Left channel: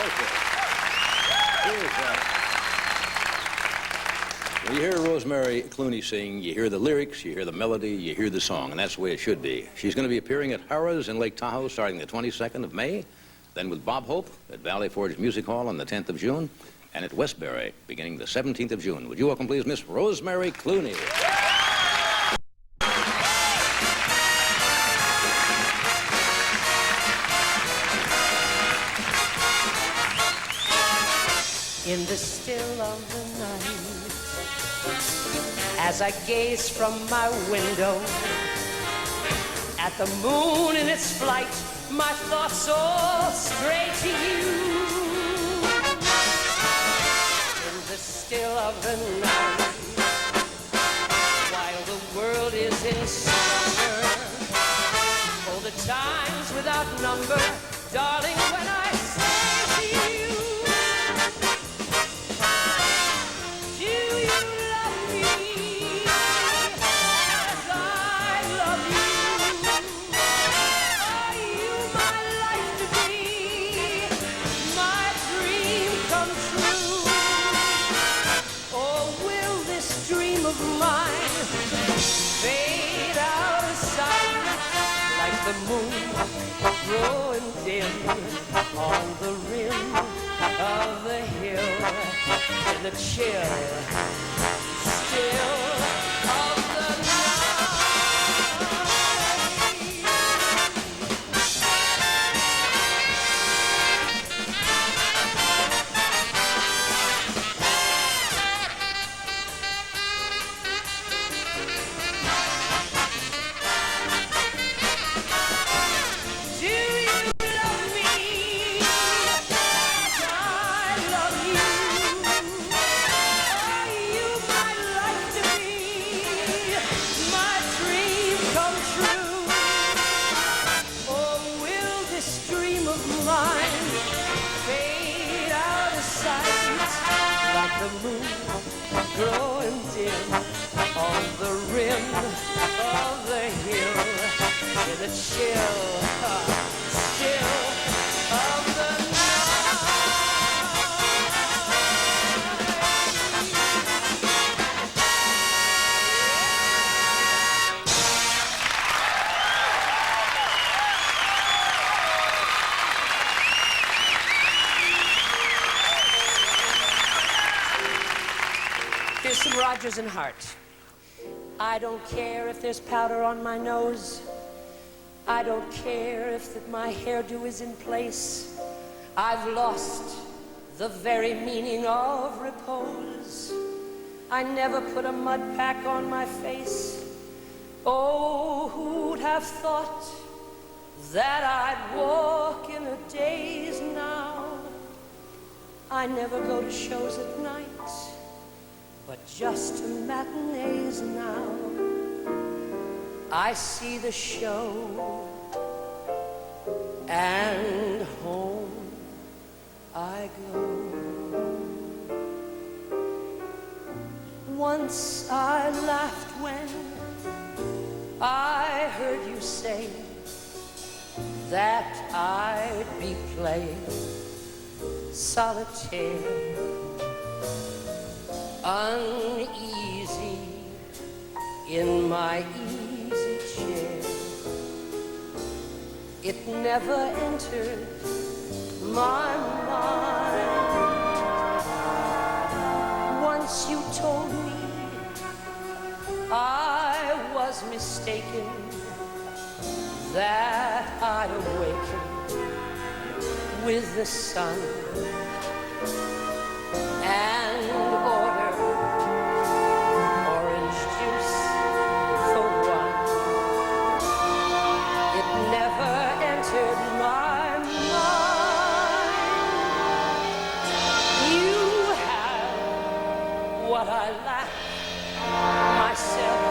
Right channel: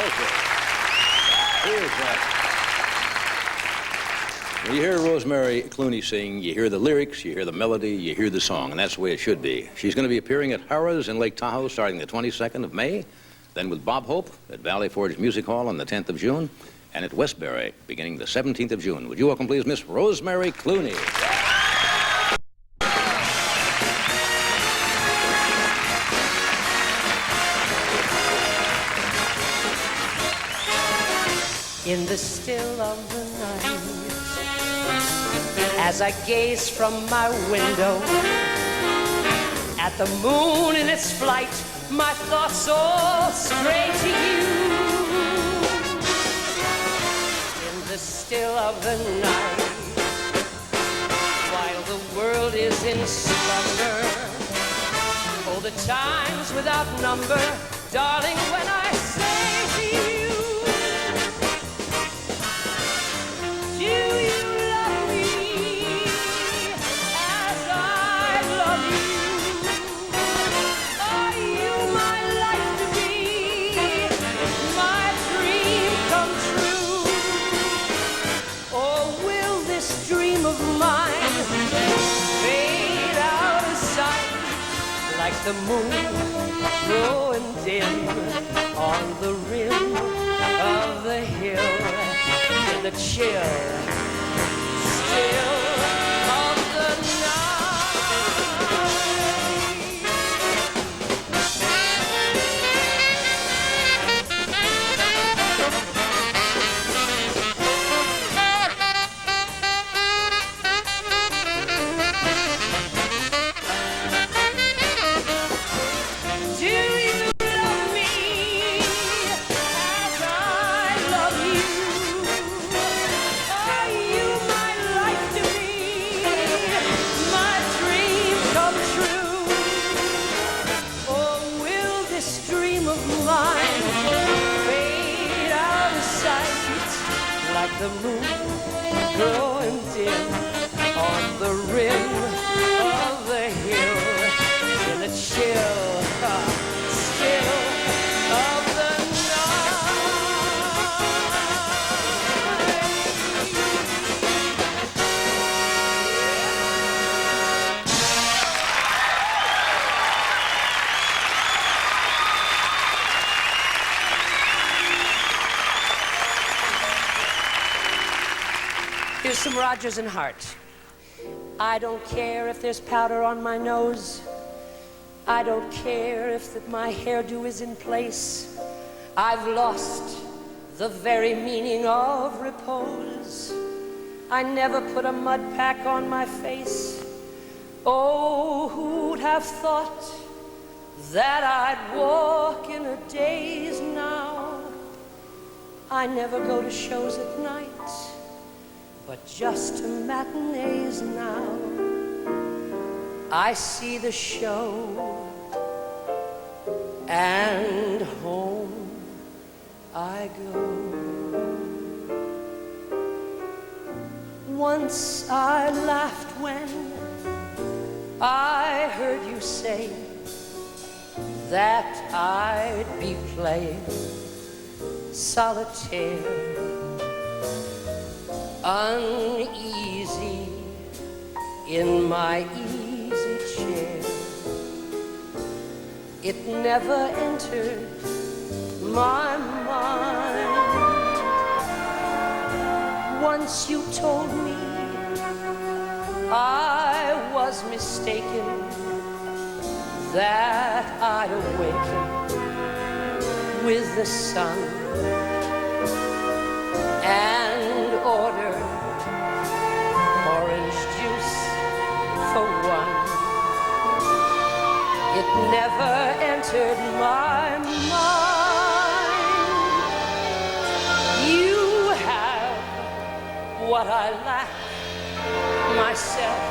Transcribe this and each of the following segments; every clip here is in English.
Okay. Here's when you hear Rosemary Clooney sing, you hear the lyrics, you hear the melody, you hear the song, and that's the way it should be. She's going to be appearing at Harrah's in Lake Tahoe starting the 22nd of May, then with Bob Hope at Valley Forge Music Hall on the 10th of June, and at Westbury beginning the 17th of June. Would you welcome, please, Miss Rosemary Clooney? In the still of the night, as I gaze from my window at the moon in its flight, my thoughts all stray to you. In the still of the night, while the world is in slumber, oh, the times without number, darling, when I say to you, do you love me as I love you? Are you my life to be, my dream come true? Or will this dream of mine fade out of sight like the moon growing dim on the rim of the hill, in the chill still of the night? Do you love me as I love you? Are you my life to be, my dream come true? Or will this dream of mine fade out of sight like the moon growing dim on the rim of the hill, in the chill still of the Here's some Rodgers and Hart. I don't care if there's powder on my nose. I don't care if my hairdo is in place. I've lost the very meaning of repose. I never put a mud pack on my face. Oh, who'd have thought that I'd walk in a daze now? I never go to shows at night, but just to matinees now. I see the show and home I go. Once I laughed when I heard you say that I'd be playing solitaire, uneasy in my easy chair. It never entered my mind. Once you told me I was mistaken, that I'd awaken with the sun and order orange juice for one. It never entered my mind. You have what I lack myself,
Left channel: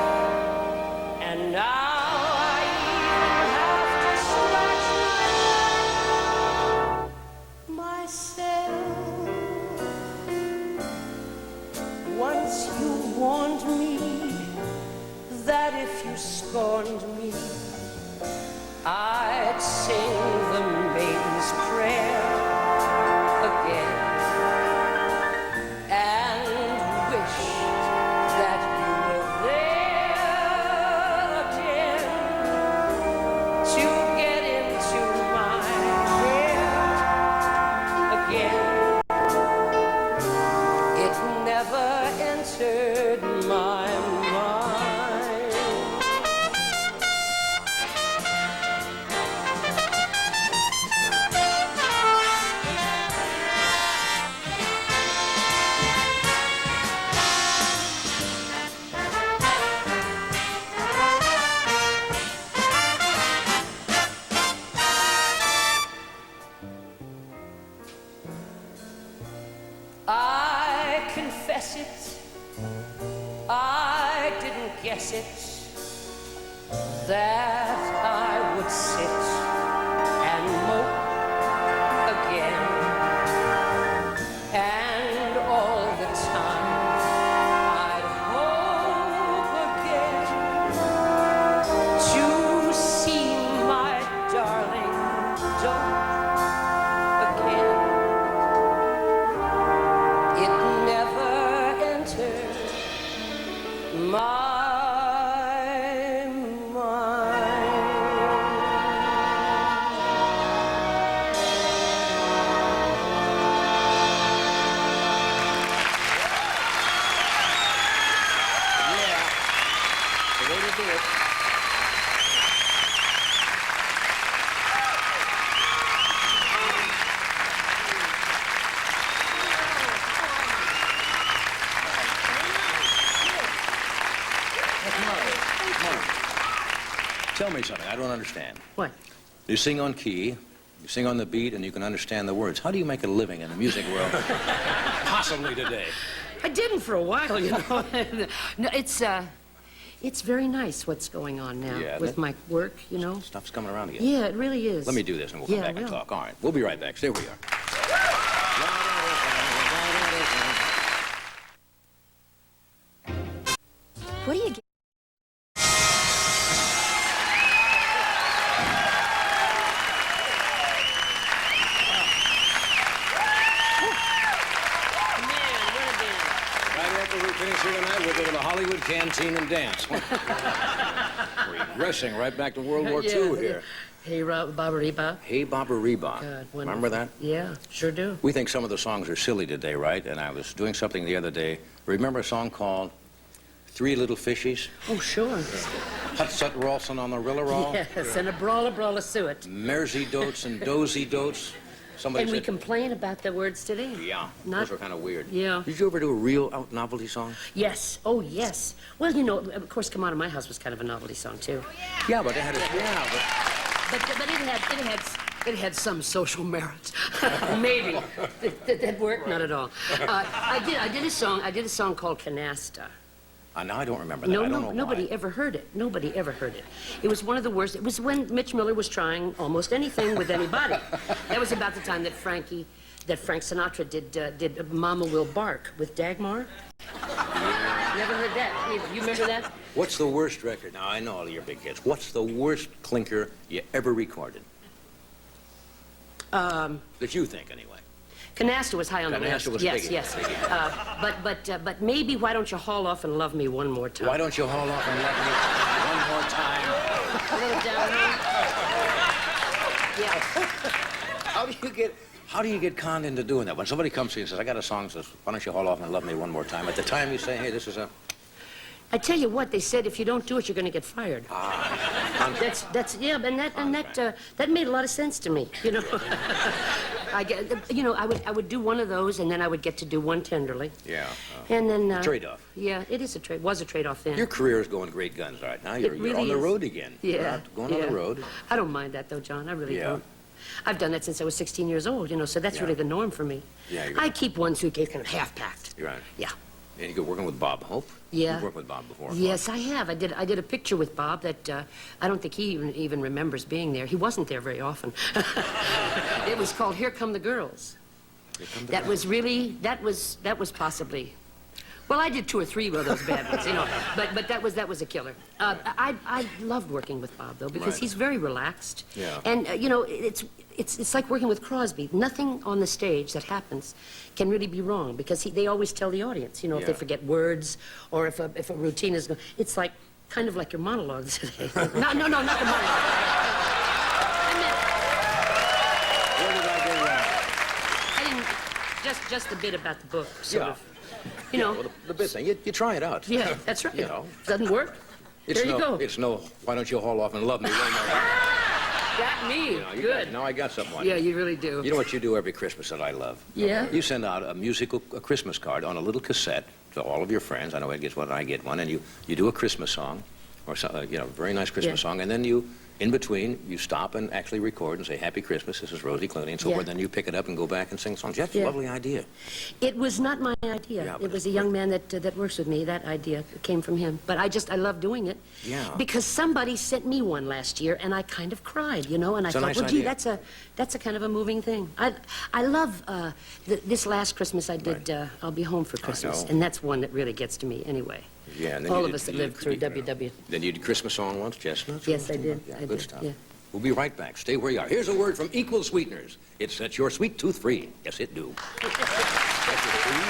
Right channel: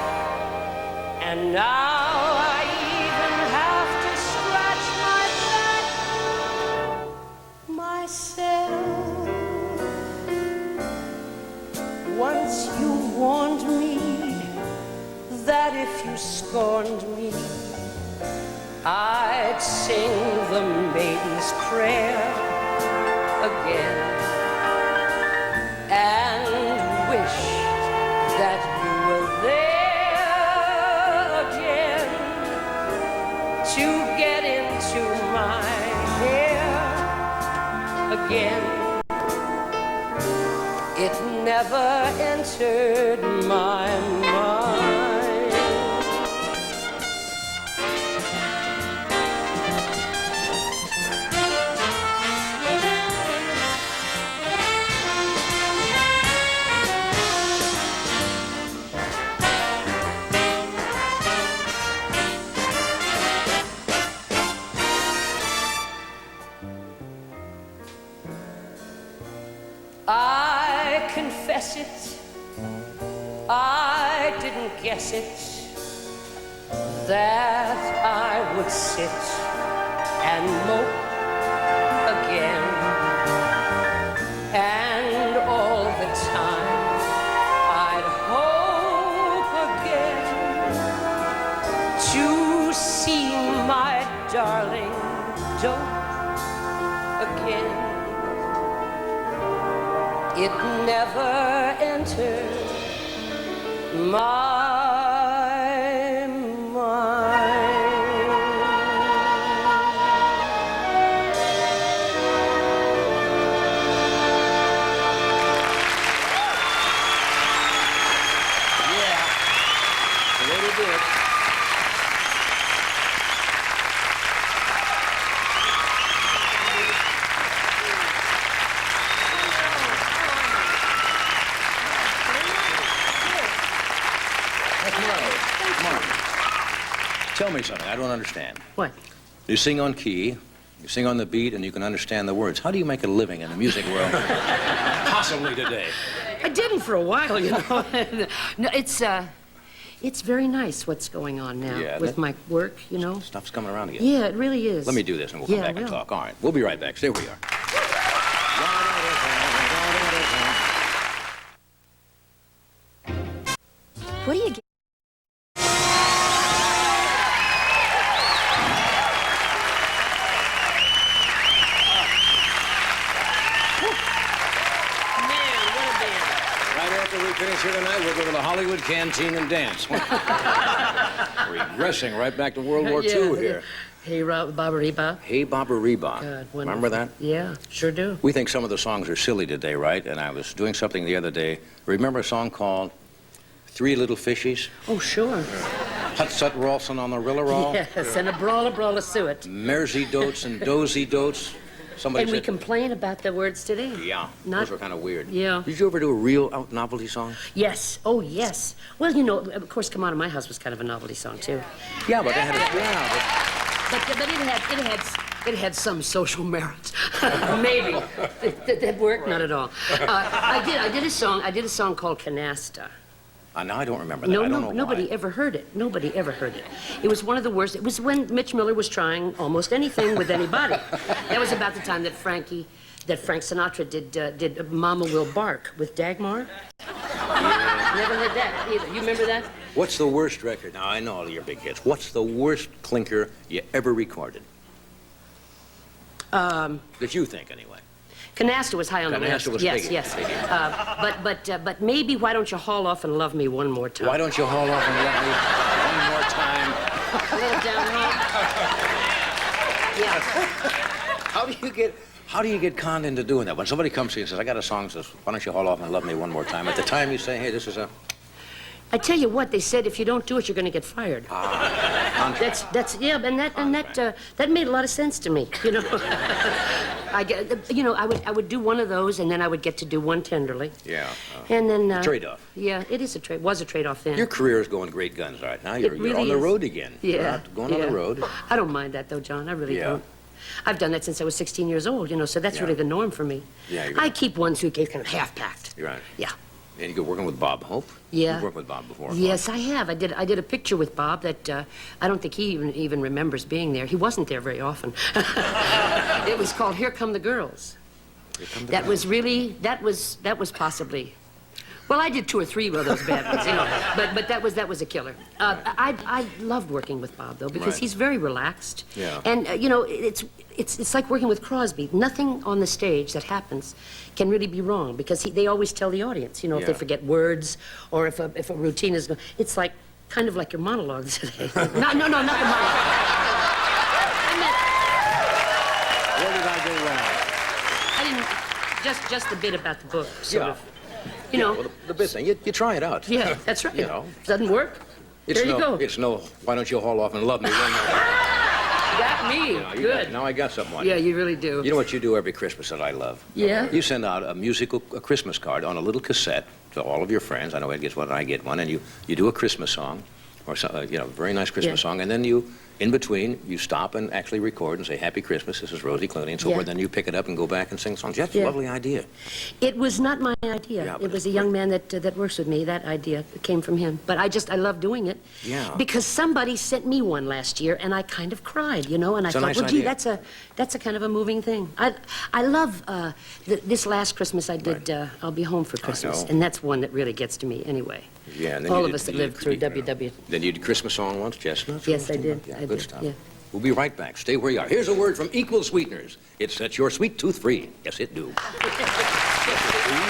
and now I even have to scratch my back myself. Once you warned me that if you scorned me, I'd sing the maiden's prayer again, and wish that you were there again to get into my hair again. It never entered my mind. I confess it, I didn't guess it, that I would sit and mope again. And all the time I'd hope again to see my darling dope again. It never entered my mind. Yeah, the way to do it. Tell me something. I don't understand. What? You sing on key, you sing on the beat, and you can understand the words. How do you make a living in the music world? Possibly today. I didn't for a while, you know. No, it's very nice what's going on now with my work, you know. Stuff's coming around again. Yeah, it really is. Let me do this, and we'll come back and talk. All right, we'll be right back. Stay where you are. What do you get? Right after we finish here tonight, we'll go to the Hollywood Canteen and dance. We're regressing right back to World War II here. Hey, Baba Reba. Hey, Baba Reba. God, remember that? Yeah, sure do. We think some of the songs are silly today, right? And I was doing something the other day. Remember a song called Three Little Fishies? Oh, sure. Hut Sut Rawlson on the Rillarol? Yes, and a brawler suet. Mersey Dotes and Dozy Dotes. Somebody And said, we complain about the words today. yeah, Not- those were kind of weird. Yeah. Did you ever do a real novelty song? Yes. Oh, yes. Well, you know, of course, Come Out of My House was kind of a novelty song, too. Yeah, but they had But it had some social merit. Maybe. Did that work? Not at all. I did a song called Canasta. Now I don't remember that. I don't know nobody why. ever heard it. Nobody ever heard it. It was one of the worst. It was when Mitch Miller was trying almost anything with anybody. That was about the time that Frank Sinatra did Mama Will Bark with Dagmar. Yeah. Never heard that either. You remember that? What's the worst record? Now, I know all your big hits. What's the worst clinker you ever recorded? That you think, anyway. Canasta was high on the list. Canasta was yes, biggie, yes. biggie. But maybe Why Don't You Haul Off and Love Me One More Time? Why don't you haul off and let me one more time? A little down home. Yeah. How do you get conned into doing that? When somebody comes to you and says, I got a song that says, why don't you haul off and love me one more time? At the time you say, hey, this is a... I tell you what, they said if you don't do it, you're going to get fired. Contract. That's yeah, and that made a lot of sense to me. You know, I would do one of those, and then I would get to do one tenderly. Yeah. And then Trade-off. Yeah, it is a trade. Was a trade-off then. Your career is going great guns right now. You're really on the is. road again. Yeah. You're out going on the road. I don't mind that though, John. I really Yeah. don't. I've done that since I was 16 years old. You know, so that's Yeah. really the norm for me. Yeah, I keep one suitcase kind of half-packed. You're right. Yeah. And you're working with Bob Hope? Yeah. You've worked with Bob before. Yes, I have. I did a picture with Bob that I don't think he even remembers being there. He wasn't there very often. It was called Here Come the Girls. Here Come the That Girls. was possibly Well, I did 2 or 3 of those bad ones, you know. But that was a killer. I loved working with Bob, though, because Right. he's very relaxed. Yeah. And, you know, it's like working with Crosby. Nothing on the stage that happens can really be wrong, because they always tell the audience, you know, if they Yeah. forget words or if a routine is going... It's like, kind of like your monologue today. No, not the monologue. I meant... Where did I go wrong? I didn't... Just the bit about the book, sort Yeah. of. You know... Well, the big thing, you try it out. Yeah, that's right. You know. If it doesn't work, there you go. It's no, why don't you haul off and love me? Well, no. Got me. You know, Good. Now I got something on Yeah, you. you really do. You know what you do every Christmas that I love? Yeah? You send out a Christmas card on a little cassette to all of your friends. I know Ed gets one, I get one, and you do a Christmas song, or you know, a very nice Christmas Yeah. song, and then you, in between, you stop and actually record and say, Happy Christmas, this is Rosie Clooney, and so Yeah. forth. Then you pick it up and go back and sing songs. That's a Yeah. lovely idea. It was not my idea. Yeah, but It was a young man that works with me. That idea came from him. But I love doing it. Yeah. Because somebody sent me one last year, and I kind of cried, you know. And I It's a thought, nice well, gee, idea. that's a kind of a moving thing. I love this last Christmas I did. I'll Be Home for Christmas, know. and that's one that really gets to me anyway. Yeah, and then All you of did- us that you lived did- through you know, WW. Then you did Christmas song once, Chestnuts? Yes, I did. Yeah, I good did, stuff. yeah. We'll be right back. Stay where you are. Here's a word from Equal Sweeteners. It sets your sweet tooth free. Yes, it do.